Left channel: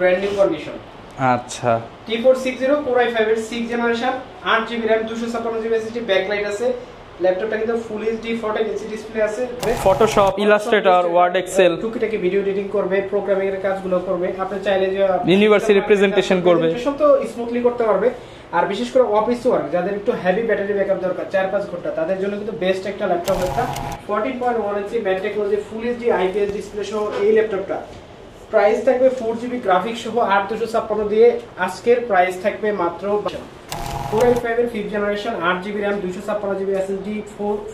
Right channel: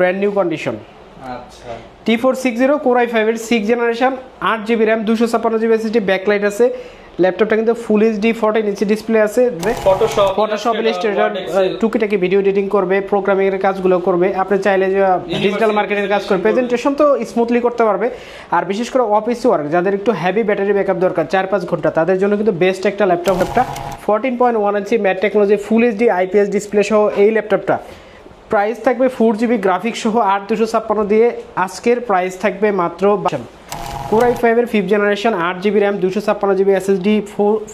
Brand new condition. আচ্ছা, T460 Core i5 এর 6 generation, 8GB RAM, 256GB SSD, backlight আছে। ল্যাপটপটা কিন্তু ফুল এইচডি 14 ইঞ্চি ডিসপ্লে আছে। ফটোশপ, ইলাস্ট্রেটর, ওয়ার্ড, এক্সেল টুকিটাকি ভিডিও এডিটিং করবে, প্রোগ্রামিং এর কাজগুলো করবে। আপনি চাইলে যে ডিজিটাল মার্কেটিং প্রেজেন্টেশন তো স্মুথলি করতে পারবে। আর বিশেষ করে অফিস ওয়ার্ক যাদের একটু হেভি ব্যাটারি ব্যাকআপ দরকার 4-5 ঘন্টা, তাদের জন্য কিন্তু বেস্ট একটা ল্যাপটপ। একটা 14.1 ইঞ্চি mat technology full HD IPS display সহ এই ল্যাপটপটা প্রাইস থাকবে 4GB গ্রাফিক্স সহ 8256 দিয়ে। আজকের প্রাইস থাকবে মাত্র Core i5 এর 5th generation, 8GB RAM, 256GB SSD,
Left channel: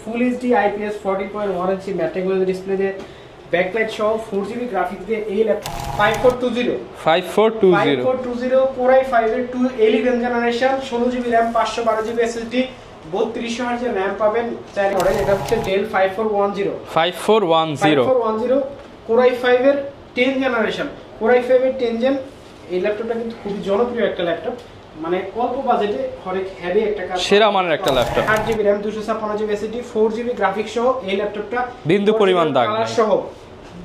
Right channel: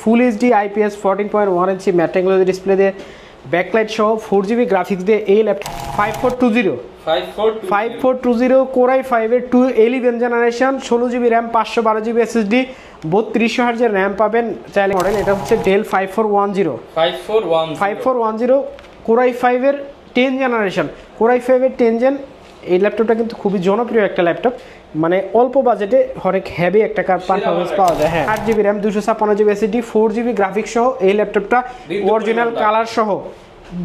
full HD IPS 14.1 ইঞ্চি ম্যাট টেকনোলজি ডিসপ্লে দিয়ে, ব্যাকলাইট সহ 4GB গ্রাফিক্স দিয়ে এই ল্যাপটপ 5420 Core i5 এর 11th generation, 16GB RAM, 512GB SSD, 3200 Hz RAM পাবেন। চাইলে মডেল এটা হচ্ছে Dell 5410 Core i5 এর 10 জেনারেশন। Core i5 এর 10 জেন এই ল্যাপটপটা কিন্তু খুবই জনপ্রিয় একটা ল্যাপটপ, মানে অল্প বাজেটে অনেক হেভি একটা কাজ। 8GB RAM, 256GB SSD, 4GB graphics সহ এই ল্যাপটপটা অরিজিনাল কালার সহ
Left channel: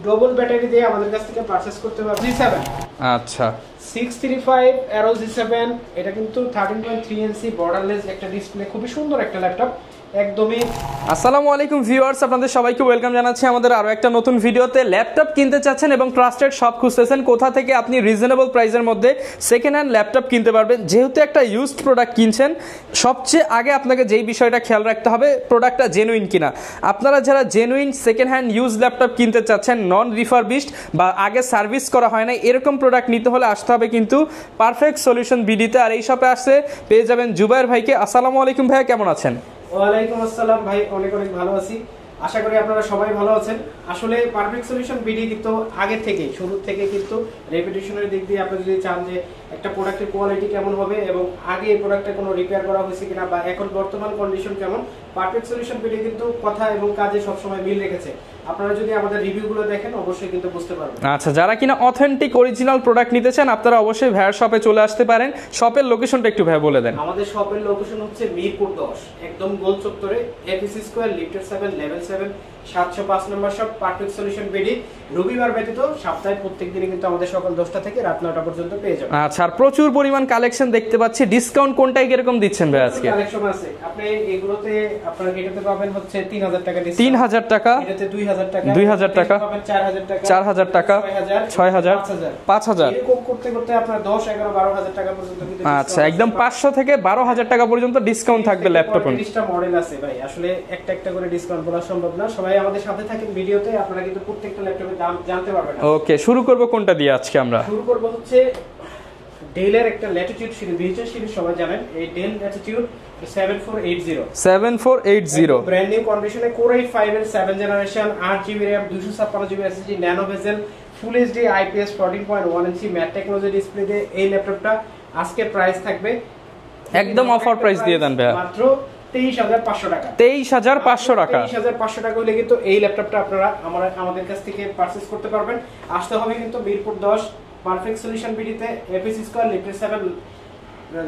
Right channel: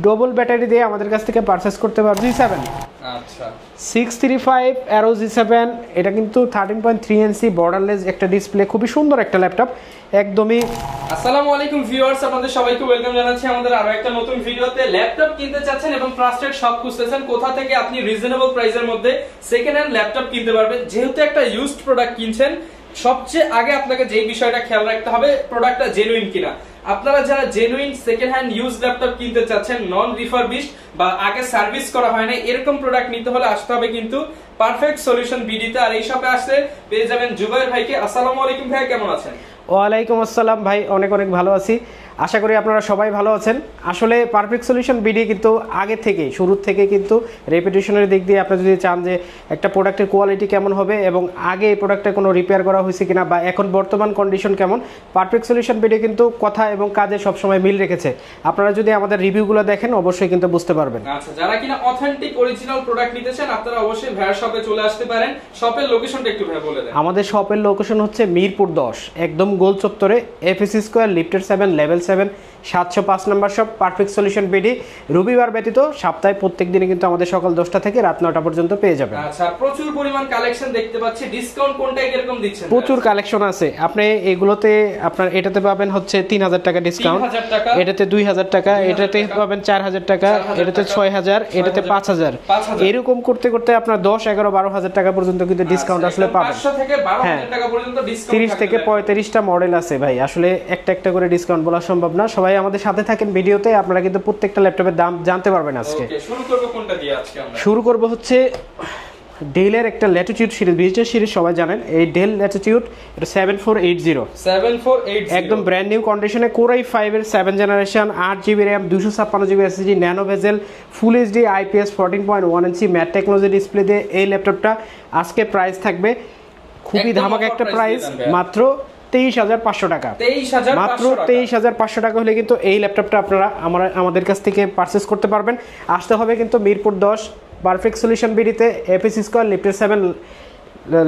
ডবল ব্যাটারি দিয়ে আমাদের কাছ থেকে পারচেজ করতে পারবেন। G7 আচ্ছা 635 Aero G7, এটা কিন্তু 13.3 ইঞ্চি বর্ডারলেস একটা ডিসপ্লে, খুবই সুন্দর একটা ল্যাপটপ একদমই। আসসালামু আলাইকুম ভিউয়ার্স, আপনাদের সবাইকে ওয়েলকাম জানাচ্ছি আমাদের আরো একটা নতুন ভিডিওতে। ল্যাপটপ কিনতে চাচ্ছেন এবং ট্রাস্টেড শপ খুঁজতেছেন কোথা থেকে আপনি রিজনেবল প্রাইসের মধ্যে সেকেন্ড হ্যান্ড ল্যাপটপ কিনতে পারবেন। যেহেতু একটা ইউজড প্রোডাক্ট কিনছেন, সবচেয়ে আগে আপনাকে যেই বিষয়টা খেয়াল রাখতে হবে প্রোডাক্টটা জেনুইন কিনা। আপনারা যারা genuine second hand use laptop কিনতে চাচ্ছেন, নন রিফারবিশড বা আগে সার্ভিস করা হয় না, এরকম প্রোডাক্ট নিতে হলে আসতে হবে কিন্তু পারফেক্ট সলিউশন বিডিতে। আর এই শপে আসলে পেয়ে যাবেন জুবাইর ভাইকে। আসসালামু আলাইকুম ভাইয়া, কেমন আছেন? ওয়ালাইকুম আসসালাম ভাই, অনেক অনেক ভালো আছি, আশা করি আপনারা সবাই ভালো আছেন। আসলে পারফেক্ট সলিউশন বিডি কিন্তু আগে থেকে শুরু থেকে কিন্তু রেপুটেশনের দিক দিয়ে আপনি যদি চান যে একটা প্রোডাক্টের কোয়ালিটি কেমন হবে এবং আগে এই প্রোডাক্টটা কোনো রিপেয়ার করা হয়েছে কিনা বা এখন বর্তমান কন্ডিশন কেমন, পারফেক্ট সলিউশন বিডি কিন্তু কথা এবং কাজে সবসময় মিল রেখেছে। আপনারা যদি আমাদের রিভিউগুলো দেখেন অবশ্যই কিন্তু বুঝতে পারবেন। আচ্ছা, যারা কিনা অথেন্টিক অরিজিনাল প্রোডাক্ট নিতে চান আপনারা অবশ্যই ভাইয়ার শপে চলে আসতে পারেন। শপের লোকেশনটা একটু ভাই বলে দেন। আমাদের শপের লোকেশন হচ্ছে মিরপুর 10, একদম গোল চত্বরে, এফএসসি স্কয়ার, লিফটের 7, লেভেল 7, 705 নম্বর শপ, পারফেক্ট সলিউশন বিডি। রবিবার ব্যতীত সপ্তাহে প্রত্যেক দিনে কিন্তু আমাদের সকাল 10টা থেকে রাত 9টা পর্যন্ত পেয়ে যাবেন। আচ্ছা, প্রচুর পরিমাণ কালেকশন দেখতে পাচ্ছি, ডিসকাউন্ট কোনটায় কিরকম দিচ্ছেন? প্রচুর কালেকশন আছে। আপনি এগুলোতে আপনার এটাতে পাবেন হচ্ছে 3000 টাকা ডিসকাউন্ট, 3000 টাকা, এটাতে 2000 টাকা, এটাতে পাবেন 4000 টাকা, এটাতে 6000, এটাতে 5000, এরকম করতে করতে আপনার 10, 11, 12000 টাকা পর্যন্ত কিন্তু ডিসকাউন্ট একদম 500 থেকে 12000 টাকা পর্যন্ত ডিসকাউন্ট থাকবে ল্যাপটপে। 35টা মডেল আছে ভাই, আসলে একটা একটা করে ডিসকাউন্ট বলা সম্ভব না। সবাই আমাদের সাথে থাকেন ভিডিওতে, আপনারা কিন্তু প্রত্যেকটা ল্যাপটপের দাম জানতে পারবেন আজকে। ওকে, শুরু করব কোনটা দিয়ে আজকে? আমরা শুরু করব হচ্ছে ডেলের একটা ল্যাটিটিউড সিরিজ, বিজনেস সিরিজ সবাই জানেন। এই ডেল ল্যাটিটিউড, এটা 7480 একদম ব্র্যান্ড নিউ কন্ডিশনে। Core i5 এর 7 generation, 8GB RAM, 256GB SSD, nano বেজেল, ফুল এইচডি আইপিএস 14.1 ইঞ্চি ম্যাট টেকনোলজি ডিসপ্লে দিয়ে এই ল্যাপটপটা আজকে প্রাইস থাকবে খুবই ধামাকা একটা প্রাইস, মাত্র 23500 টাকা। 23500 টাকা হলে কিন্তু এই ল্যাপটপটা আপনারা আমাদের কাছ থেকে পারচেজ করতে পারবেন। আসতে হবে কিন্তু মিরপুর 10, পারফেক্ট সলিউশন বিডিতে, এফএসসি স্কয়ার, লিফটের 7,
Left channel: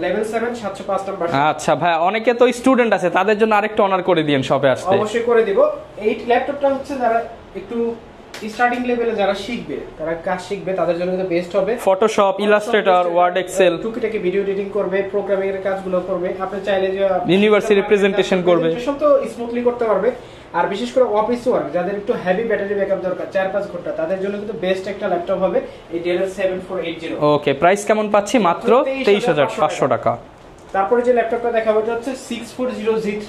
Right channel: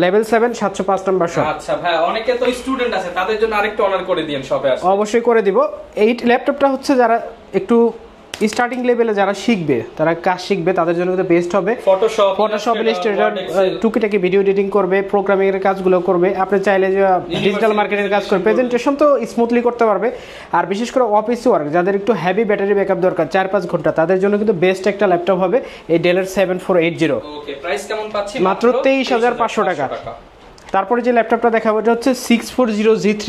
লেভেল 7, 705 নম্বর শপ। আচ্ছা ভাই, অনেকে তো স্টুডেন্ট আছে, তাদের জন্য আরেকটু অনার করে দিয়েন শপে আসতে। অবশ্যই করে দিব। এই ল্যাপটপটা হচ্ছে যারা একটু স্টার্টিং লেভেলে যারা শিখবে, তারা কাজ শিখবে, তাদের জন্য কিন্তু বেস্ট হবে। ফটোশপ, ইলাস্ট্রেটর, ওয়ার্ড, এক্সেল, টুকিটাকি ভিডিও এডিটিং করবে, প্রোগ্রামিং এর কাজগুলো করবে। আপনি চাইলে যে ডিজিটাল মার্কেটিং প্রেজেন্টেশন তো স্মুথলি করতে পারবে। আর বিশেষ করে অফিস ওয়ার্ক যাদের একটু হেভি ব্যাটারি ব্যাকআপ দরকার 4-5 ঘন্টা, তাদের জন্য কিন্তু বেস্ট একটা ল্যাপটপ হবে এই ডেলের 7480। ওকে, প্রাইস কেমন পাচ্ছি? মাত্র 23500 টাকা। তারপরে যে ল্যাপটপটা দেখাবো এটা হচ্ছে 640G3।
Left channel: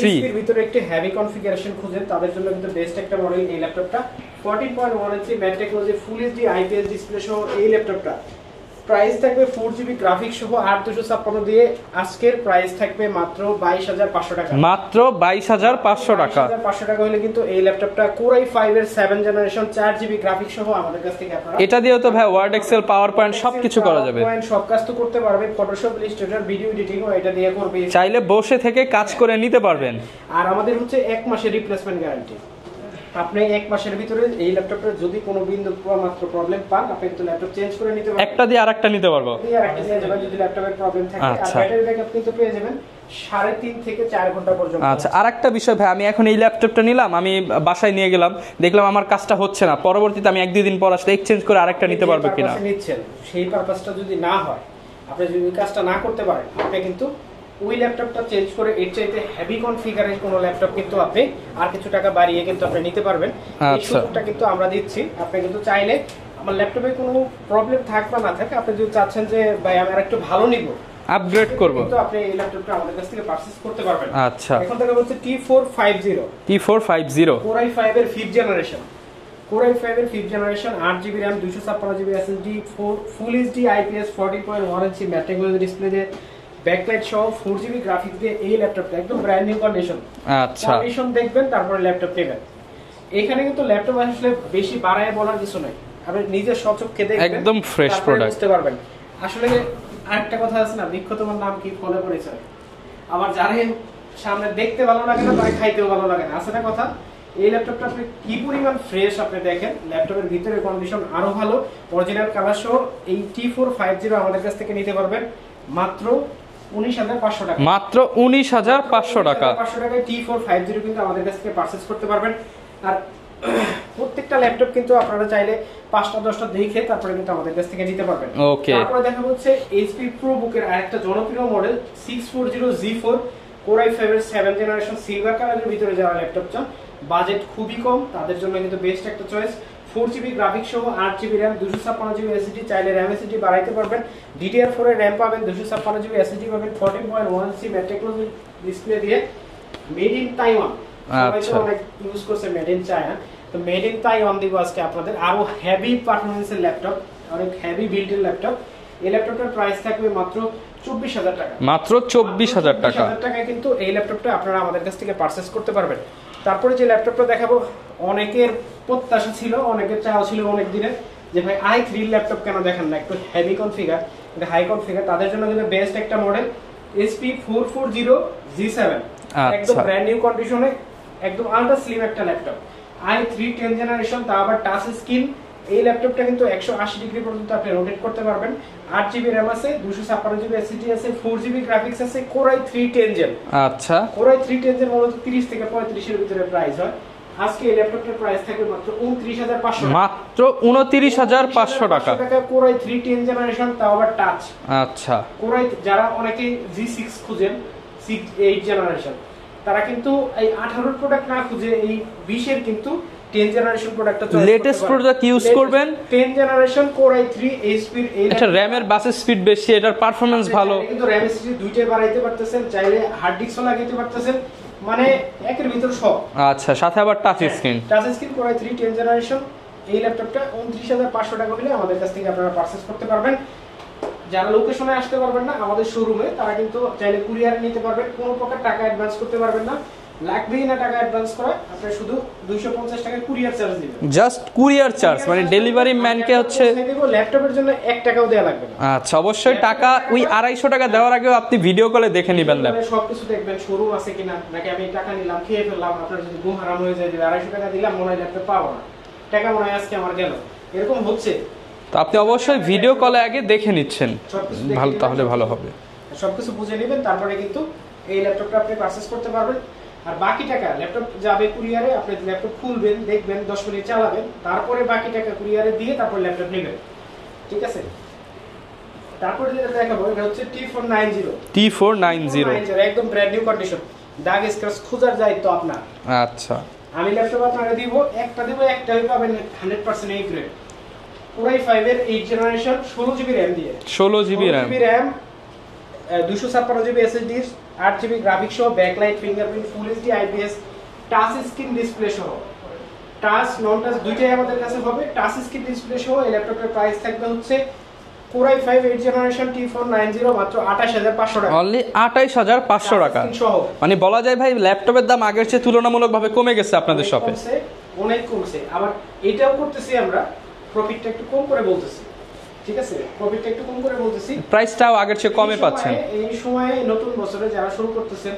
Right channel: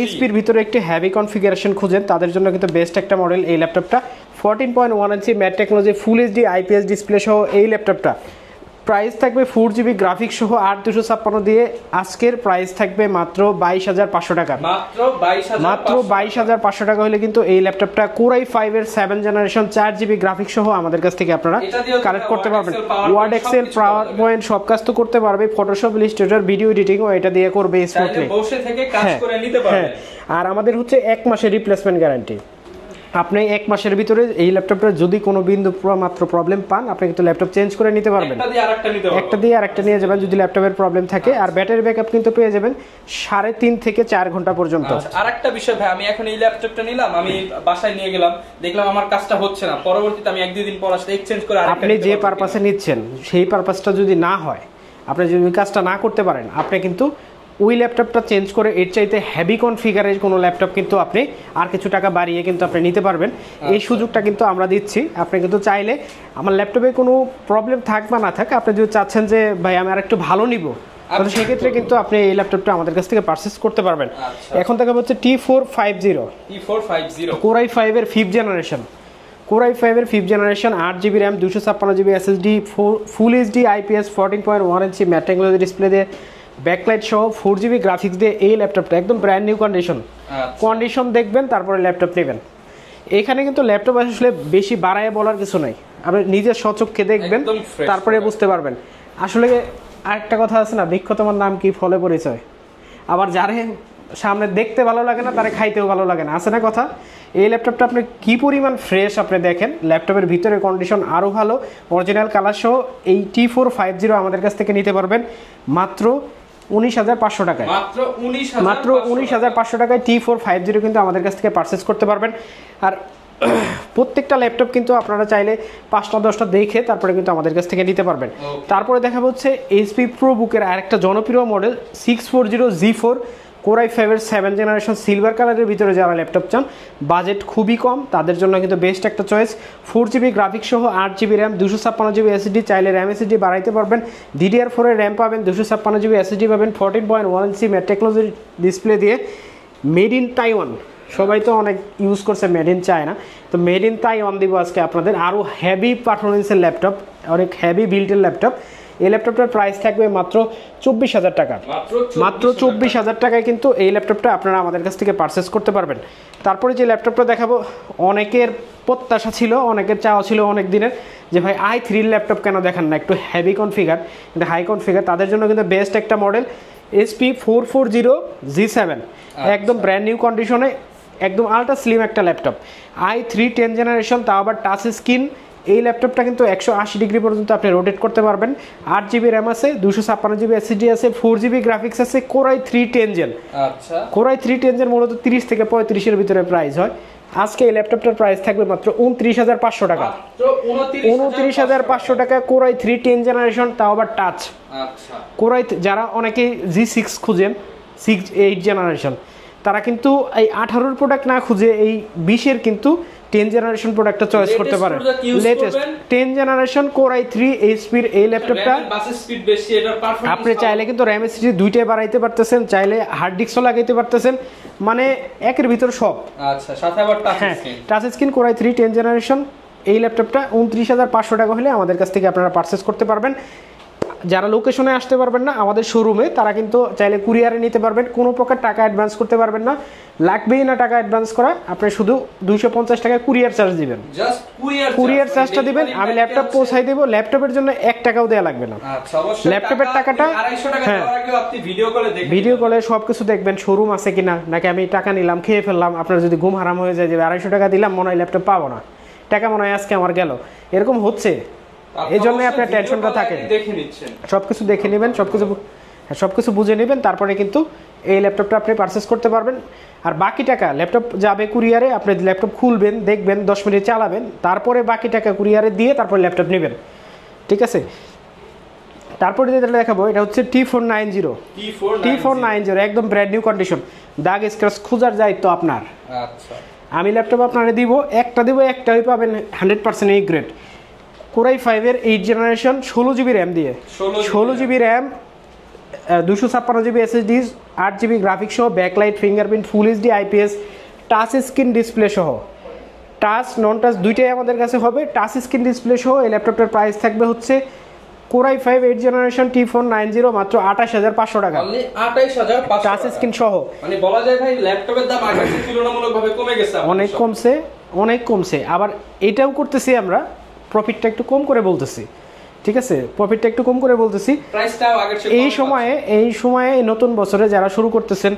এইচপি এর ভিতরে একটি হেভি কনফিগারেশন খুঁজেন, তাদের জন্য কিন্তু বেস্ট একটা মডেল এই ল্যাপটপটা। 14.1 ইঞ্চি mat technology full HD IPS display সহ এই ল্যাপটপটা প্রাইস থাকবে 4GB গ্রাফিক্স সহ 8256 দিয়ে। আজকের প্রাইস থাকবে মাত্র 22500 টাকা। মাত্র 22500 টাকা হলে কিন্তু এই ল্যাপটপটা Core i5 এর 7 জেনারেশন, 4GB গ্রাফিক্স সহ আমাদের কাছ থেকে আপনারা এটা দিয়েও তো ভাই ওয়ার্ড, এক্সেল, পাওয়ারপয়েন্ট সবকিছু করা যাবে। সব কাজ তো করতে পারবে, ফটোশপ, ইলাস্ট্রেটর, ভিডিও এডিটিং ও এটা দিয়ে করবে, চাইলে বসে থেকে কাজ করে নিতে পারবেন। আর আমাদের হচ্ছে 1 মাসের রিপ্লেসমেন্ট গ্যারান্টি। আপনি এক মাসের ভিতরে এই ল্যাপটপের যদি কোনো বিন্দু মাত্র প্রবলেম পান, আপনি কিন্তু ল্যাপটপ চেঞ্জ করে নিতে পারবেন। একটা দিয়ে আরেকটা নিতে পারবেন, একটা দিয়ে আরেকটা নিয়ে যাবেন যদি ল্যাপটপের প্রবলেম থাকে। আর ব্যাটারি ব্যাকআপ কিন্তু পেয়ে যাবেন 3.5 থেকে 4 ঘন্টা পর্যন্ত। আচ্ছা, আরেকটা বিষয় ভাই, আমি এখন এই ল্যাপটপটা নিলাম, আমি বাসায় নিয়ে গেলাম, দেখলাম আমার কাজটা হচ্ছে না, পরবর্তীতে আমি 1-2 দিন পর আসলে এক্সচেঞ্জ করে আরেকটা নিতে পারবো কিনা? আপনি যে পারপাসে নিচ্ছেন সেই পারপাসটা যদি না হয়, আপনি যদি কাজটা না করতে পারেন, আপনি কিন্তু ওই ল্যাপটপটা চেঞ্জ করে এর চাইতে হেভি কনফিগারের কোনো ল্যাপটপ কিন্তু আপনি আর কিছু টাকা বাড়িয়ে কিন্তু আপনি নিতে পারবেন। এই সুযোগটা কিন্তু আমরা দিচ্ছি। আপনি কিন্তু চাইলে আমার ল্যাপটপে কোনো প্রবলেম থাক বা না থাক, আপনি যদি চাচ্ছেন যে ভাই আমি আর একটু ভালো নিব, কিন্তু আপনি এই ল্যাপটপটা আমাদের কাছ থেকে পারচেজ করতে পারবেন। আচ্ছা, এখন থেকে হচ্ছে T450 Core i5 এর 5th জেনারেশন, Core i5 এর 5th generation, 8GB RAM, 256GB SSD, ফুল এইচডি IPS 14.1 ইঞ্চি ম্যাট টেকনোলজি ডিসপ্লে দিয়ে, ব্যাকলাইট সহ 4GB গ্রাফিক্স দিয়ে এই ল্যাপটপটা একদম ব্র্যান্ড নিউ কন্ডিশন দেখবেন, তারপরে ল্যাপটপ নেবেন। এখানে কিন্তু ল্যাপটপ আসলে বেশি বাড়ায় বলার কিছু নাই, আপনি নিজের স্বচক্ষে দেখবেন তারপরে বুঝতে পারবেন। আসলে আরেকটা কথা আছে না, বৃক্ষ তোমার নাম কি ফলে পরিচয়। আবার যারে সামনে দেখতে ভালো লাগে না তারে খাইতেও ভালো লাগে না, আছে না কথা। এই ল্যাপটপটা আপনি কি পরিমাণ ফ্রেশ আপনি দেখেন, ল্যাপটপের ভিতরে কন্ডিশন আরো ভালো, অরিজিনাল কালার সহ এই T450 আমাদের কাছ থেকে নিতে পারবেন মাত্র 19,500 টাকা। মাত্র 19,500 টাকায় T450 কিন্তু আমাদের কাছ থেকে পারচেজ করতে পারবেন। আর প্রত্যেকটা ল্যাপটপ কিন্তু আপনারা চাইলে 5টা-10টা দেখে তারপরে কিন্তু আমাদের কাছ থেকে নিতে পারবেন। তারপরে দেখা হচ্ছে HP ProBook-এর আরেকটা জনপ্রিয় মডেল 640G4 Core i5 এর 7th জেনারেশন সিলভার কালারের ভিতরে যারা ল্যাপটপ চান, বাজেট খুবই কম, তাদের জন্য কিন্তু বেস্ট একটা চয়েস। 4GB গ্রাফিক্স সহ 8GB RAM, 256GB SSD, চাইলে RAM SSD বাড়াইতে পারবেন। DDR4 এর RAM পাবেন, 256GB SSD পাবেন, 14.1 ইঞ্চি ম্যাট টেকনোলজি ডিসপ্লে দিয়ে, মেড ইন তাইওয়ান। সবাই তো অনেক ইউজ করছে মেড ইন চায়না, তো মেড ইন তাইওয়ান দিব আজকে আপনাদের। আরো হেভি পারফরমেন্সের ল্যাপটপ, অনেক হেভি বিল্টের ল্যাপটপ। এই ল্যাপটপটার প্রাইস থাকবে মাত্র 24,000 টাকা। মাত্র 24,000 টাকায় কিন্তু এই ল্যাপটপটা আপনারা আমাদের কাছ থেকে পারচেজ করতে পারবেন। তারপরে যে ল্যাপটপটা দেখাবো, অনেকের প্রত্যাশা ছিল, অনেকের চাওয়া ছিল অনেক দিনের, যে ভাই i3 ল্যাপটপ কেন দেখান না, একটু হেভি কনফিগার, হাই কনফিগার, তাদের জন্য কিন্তু বেস্ট একটা মডেল HP 440G7, একদম ব্র্যান্ড নিউ কন্ডিশনে, একদম আলট্রা স্লিম একটা ল্যাপটপ, i3 10th জেনারেশন, তা আবার টাচ স্ক্রিন। এই ল্যাপটপটা কিন্তু 180 ডিগ্রি পর্যন্ত আপনি রোটেট করতে পারবেন। 8GB RAM আছে, 256GB SSD আছে, 4GB গ্রাফিক্স আছে, Core i3 10th Gen। আচ্ছা, Core i3 10th Gen মূলত 30 থেকে 35 এর ভিতরে প্রাইস হয়। আজকে এই ল্যাপটপটার প্রাইস থাকবে মাত্র 29,500 টাকা। মাত্র 29,500 টাকা। Core i3 10th জেনারেশন, তাও আবার টাচ। আচ্ছা, Core i যারা অনেকে G6 খুঁজেন, 8th জেনারেশন, তারা কিন্তু এই 18 প্রোডাক্ট না খুঁজে এই 20 এর কিন্তু 10th জেনারেশন প্রোডাক্টটা চয়েস করতে পারেন। প্রোডাক্ট ইউজ করবেন। 10th generation Core i3 HP এর এই ল্যাপটপটা, RAM এর বাস স্পিড বেশি, এটার পারফরম্যান্স ভালো। আপনি চাইলে কিন্তু RAM SSD দুইটাই বাড়াইতে পারতেছেন, চাইলে হার্ড ডিস্কও লাগাইতে পারতেছেন, মানে একের ভিতর সব। আচ্ছা, সাথে আবার touch screen. Touch screen Core i3 10th generation, এই ল্যাপটপটা 29,500 টাকা হলে আমাদের কাছ থেকে আপনারা পারচেজ করতে পারবেন। যারা লোকেশনে আসতে পারবেন না আমাদের শোরুমে, তারা কিন্তু চাইলে কুরিয়ারে নিতে পারবেন, কোনো প্রকার টাকা অ্যাডভান্স করতে পারবেন না, লাগবেই না টাকা অ্যাডভান্স করা, আপনি শুধু 250 টাকা কুরিয়ার চার্জ দিবেন, জাস্ট কুরিয়ার চার্জ, মানে ডেলিভারি ম্যানকে পৌঁছাই দেব, ল্যাপটপের জন্য 1 টাকাও দেয়া লাগবে না। আচ্ছা, অবশ্যই টাকা ওই 250 টাকা দেওয়ার আগে আপনি ভিডিও কলে দেখে নেবেন, ভিডিও কলে সবকিছু দেখবেন, শোরুম আছে কিনা, নাকি আমি টাকা নিলাম খেয়ে ফেললাম, আপনার যদি ঘুম হারাম হয়ে যায় যে 250 টাকা দিলাম মনে হয় ল্যাপটপ পাবো না, টাকা মনে হয় আজকে আমার গেল, এরকম হচ্ছে। তো আপনি অবশ্যই ভিডিও কলে আগে দেখে নিচ্ছেন, সবকিছু দেখে নেবেন, সবকিছু বুঝে নেবেন, তারপরে কিন্তু এই ল্যাপটপটা আপনি পারচেজ করতে পারবেন। আর বাকি টাকা ল্যাপটপ যাবে কুরিয়ারে, আপনি ল্যাপটপ খুলবেন, দেখবেন, 10 মিনিট চালাবেন, তারপরে বাকি টাকা কুরিয়ারে দিয়ে তারপর ল্যাপটপ নেবেন, ঠিক আছে। তারপরে যেটা দেখাবো, এটা হচ্ছে T490 একদম ব্র্যান্ড নিউ কন্ডিশন, দাগ স্ক্র্যাচ খোঁজার দায়িত্ব আপনার। আচ্ছা, আমি ল্যাপটপ আপনারে দিব, একটাই পাবেন 100% এই গ্রেড, Core i5 এর 8th জেনারেশন, 16GB RAM দিয়ে, 16GB RAM, 256GB SSD, 8GB graphics সহ, backlight, fingerprint, full HD IPS, touch screen display সহ, টাচ নন টাচ দুইটাই আমাদের কাছে হবে, টাচ স্ক্রিন ডিসপ্লে সহ। এই ল্যাপটপটার প্রাইস থাকবে হচ্ছে Core i5 8th generation T490 মাত্র 28,500 টাকা, অনলি 28,500 টাকা স্ক্রিন সহ। মানে বলা যায় ভাই ল্যাপটপের দাম আগের চেয়ে তুলনামূলকভাবে কমে গেছে আপনাদের শপে, অনেক কমছে। আবার এটাও করতেছি আমরা, প্রফিটটা একটু কম করে বলতেছি, ঠিক আছে, প্রফিটটা একটু কম করে বলতেছি, প্রাইসটাও আগের চেয়ে কমে পাচ্ছেন। এই সময়ে নতুন বছরে যারা শুরু করতেছেন,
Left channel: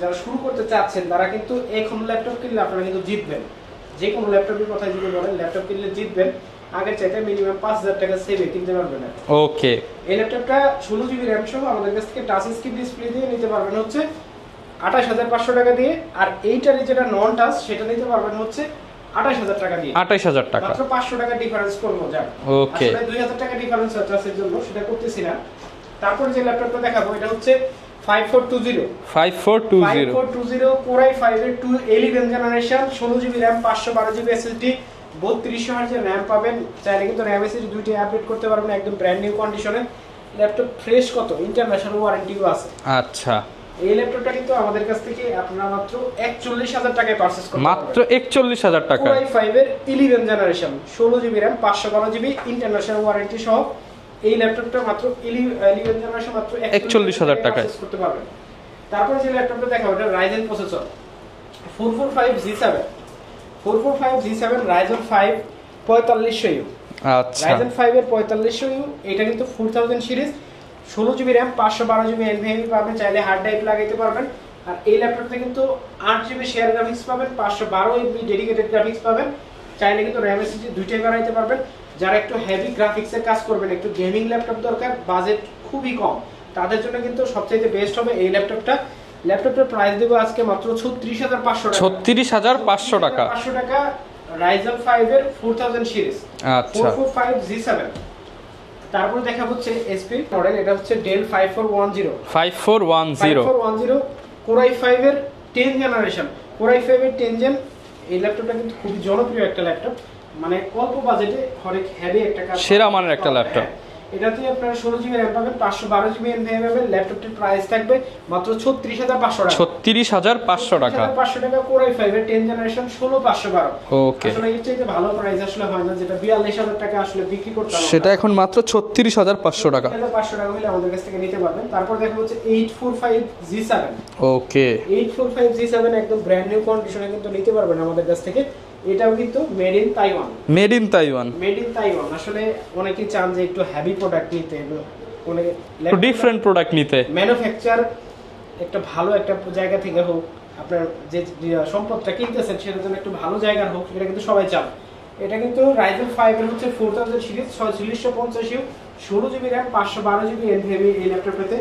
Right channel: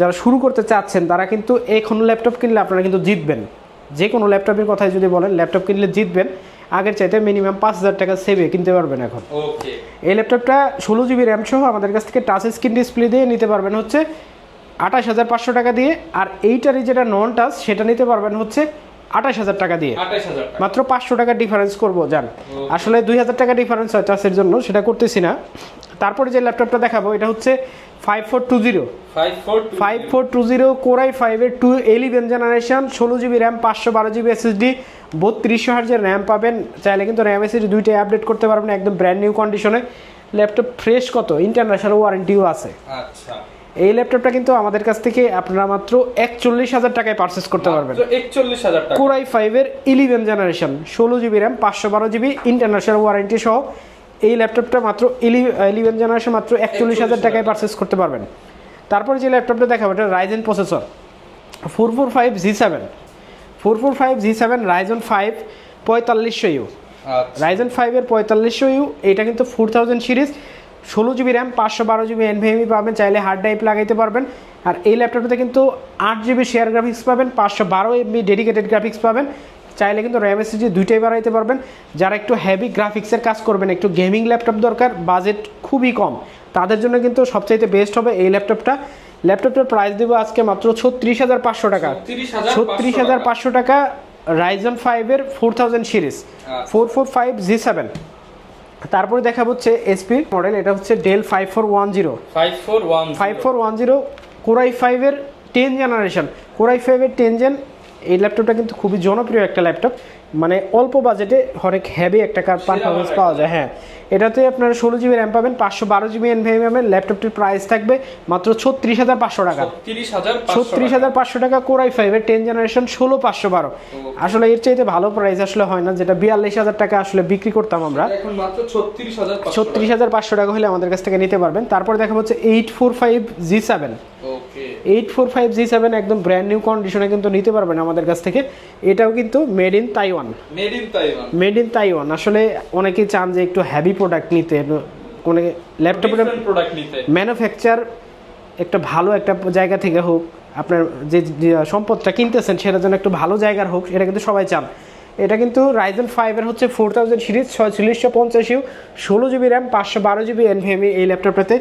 যারা শুরু করতে চাচ্ছেন, তারা কিন্তু এখন ল্যাপটপ কিনলে আপনারা কিন্তু জিতবেন, যে কোনো ল্যাপটপের কথাই যদি বলেন, ল্যাপটপ কিনলে জিতবেন, আগের চাইতে মিনিমাম 5000 টাকা সেভে কিনতে পারবেন এখন। ওকে, এই ল্যাপটপটা 16GB র্যাম সহ আমাদের কাছ থেকে টাচ স্ক্রিন ডিসপ্লে দিয়ে নিতে পারবেন হচ্ছে 28500 টাকা দিয়ে, আর এইটারই যেটা নন টাচ সেটা নিতে পারবেন হচ্ছে 28000 টাকা দিয়ে। 28000 টাকা, মাত্র 500 টাকা ডিফারেন্স করবো জান। আসলে 2000 টাকা ডিফারেন্স হয় টাচের জন্য, সেটা করতেছি না। তারপরে যে ল্যাপটপটা দেখাবো এটা হচ্ছে 5420 Core i5 এর 11 generation, 16GB RAM, 512GB SSD, 3200 হার্জের র্যাম পাবেন। চাইলে কিন্তু র্যাম এসএসডি দুইটাই আপডেট করতে পারবেন একদম ব্র্যান্ড নিউ কন্ডিশনে। ল্যাপটপ ফ্রেশ, কত ইন্টারন্যাশনাল ওয়ারেন্টিও আছে। আচ্ছা, এই ল্যাপটপটা কিন্তু আমাদের কাছ থেকে আপনারা মাত্র 41000 টাকায় পারচেজ করতে পারবেন। মাত্র 41000 টাকা। Core i5 এর 11 generation, 16GB RAM, 512GB international warranty সহ এই ল্যাপটপটা মাত্র 11 জেনারেশন মাত্র 41000 টাকায় পারচেজ করতে পারবেন। তারপর যে ল্যাপটপটা দেখাবো এটা Ryzen processor 445G7 Ryzen 5 4500U। আচ্ছা, Ryzen 5 এর 4500U, এটা কিন্তু 4000 series, 16GB RAM, 512GB NVMe পাবেন, চাইলে হার্ড ড্রাইভ লাগাইতে পারবেন। আর এই ল্যাপটপটাতে কিন্তু 8GB শেয়ার গ্রাফিক্স পাবেন, 512MB ডেডিকেটেড গ্রাফিক্স পাবেন, চাইলে কিন্তু র্যাম এসএসডি দুইটাই বাড়াইতে পারবেন। যারা একটু হেভি গ্রাফিক্সের কাজ করবেন, একটু গেমিং ল্যাপটপ দরকার, বাজেট খুবই কম, তাদের জন্য কিন্তু সবচাইতে বেস্ট হবে এই ল্যাপটপটা। ল্যাপটপটার প্রাইস দেবো আজকে মাত্র 36500 টাকা। 36500 টাকা Ryzen 5 এর 4000 সিরিজ 445G7। তারপরে দেখা হচ্ছে এসপি মডেল, এটা হচ্ছে Dell 5410 Core i5 এর 10 জেনারেশন, Core i5 এর 10 জেন। এই ল্যাপটপটা কিন্তু খুবই জনপ্রিয় একটা ল্যাপটপ, মানে অল্প বাজেটে অনেক হেভি একটা কাজ পাওয়া যায়। হ্যাঁ, এটাতে আপনারা 16GB র্যাম পাবেন, 512GB NVMe পাবেন। ল্যাপটপটির প্রাইস থাকবে মাত্র 36500 টাকা। 36500 টাকা Core i5 এর 10 জেনারেশন 16512। আসলে এর চাইতে ভালো প্রাইস আসলে হয় না, যেটা 42000 টাকা আসলে বিক্রি করতাম আমরা, সেটা এখন মাত্র 36500 টাকা। 36500 টাকা হলে আমাদের কাছ থেকে নিতে পারবেন। তারপর দেখা হচ্ছে 845G7। ওকে, 845G7 একদম ব্র্যান্ড নিউ কন্ডিশনে কিন্তু নিতে পারবেন আমাদের কাছ থেকে। এটাও কিন্তু মেড ইন তাইওয়ান। আসলে অনেকে চান যে একটু হেভি প্রোডাক্ট নিতে, কোন ডিফারেন্ট প্রোডাক্ট নিতে, ম্যানুফ্যাকচার একটা ভালো একটা জায়গা থেকে হোক, আপনার যে সম্পদটা কিনতেছেন সেটার জন্য একটু ভালো জায়গার হোক, এটা কিন্তু সবাই চান। এটা কিন্তু Ryzen 5 এর হচ্ছে 4000 series, 4650U, 16GB RAM, 512GB NVMe এই ল্যাপটপটাতে।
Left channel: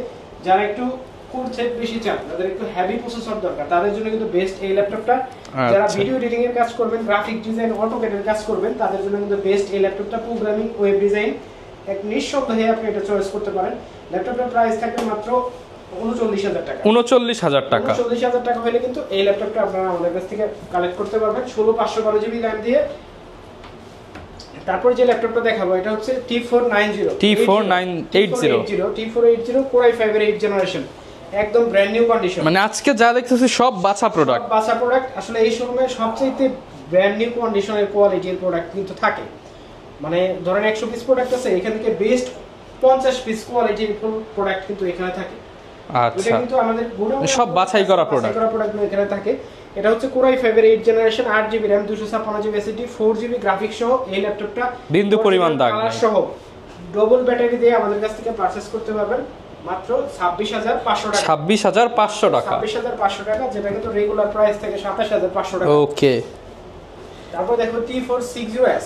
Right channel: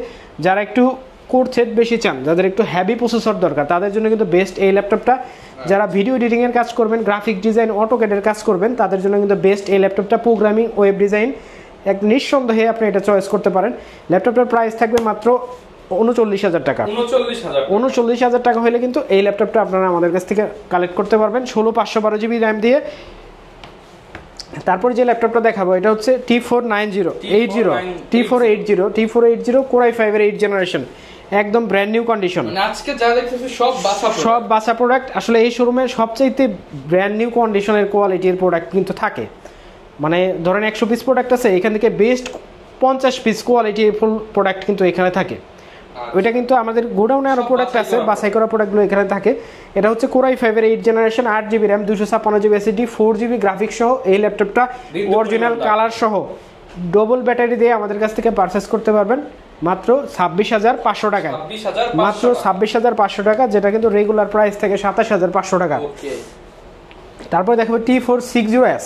যারা একটু কোর সেট বেশি চান, যাদের একটু হেভি প্রসেসর দরকার, তাদের জন্য কিন্তু বেস্ট এই ল্যাপটপটা। যারা ভিডিও এডিটিং এর কাজ করবেন, গ্রাফিক ডিজাইন, অটোক্যাডের কাজ করবেন, তাদের জন্য কিন্তু বেস্ট এই ল্যাপটপটা। প্রোগ্রামিং, ওয়েব ডিজাইন এক নিঃসন্দেহে আপনি এটা চয়েস করতে পারেন। ল্যাপটপের প্রাইস থাকবে মাত্র 39000 টাকা। 39000 টাকা হলে কিন্তু এই ল্যাপটপটা আপনারা আমাদের কাছ থেকে কালেক্ট করতে পারবেন 16512GB র্যাম দিয়ে। তারপর যে ল্যাপটপটা দেখাবো এটা হচ্ছে T480 Core i5 এর 8 জেনারেশন, একদম ব্র্যান্ড নিউ কন্ডিশন। মানে আজকে যা দেখতেছি সব বাসা প্রোডাক্ট। আসলে এই শোরুমে সবচেয়ে ব্র্যান্ড নিউ কন্ডিশনের কোয়ালিটির প্রোডাক্ট কিন্তু থাকে। মানে ধরেন 100 পিস প্রোডাক্ট আছে, এখান থেকে বেস্ট 50 পিস কোয়ালিটির ফুল প্রোডাক্ট কিন্তু এখানে থাকে। ওইটা কিন্তু আমাদের গোডাউনের উপর বাছাই করা প্রোডাক্টগুলো এখানে থাকে। এটা হচ্ছে Core i5 এর 8 generation, 8GB RAM, 256GB SSD, 4GB graphics সহ এই ল্যাপটপটা অরিজিনাল কালার সহ ডবল ব্যাটারি দিয়ে আমাদের কাছ থেকে পারচেজ করতে পারবেন মাত্র 26500 টাকা। 26500 টাকা, যেটা কিন্তু রেগুলার প্রাইস থেকে 27500 টাকা। ওকে, তারপর দেখো T460S।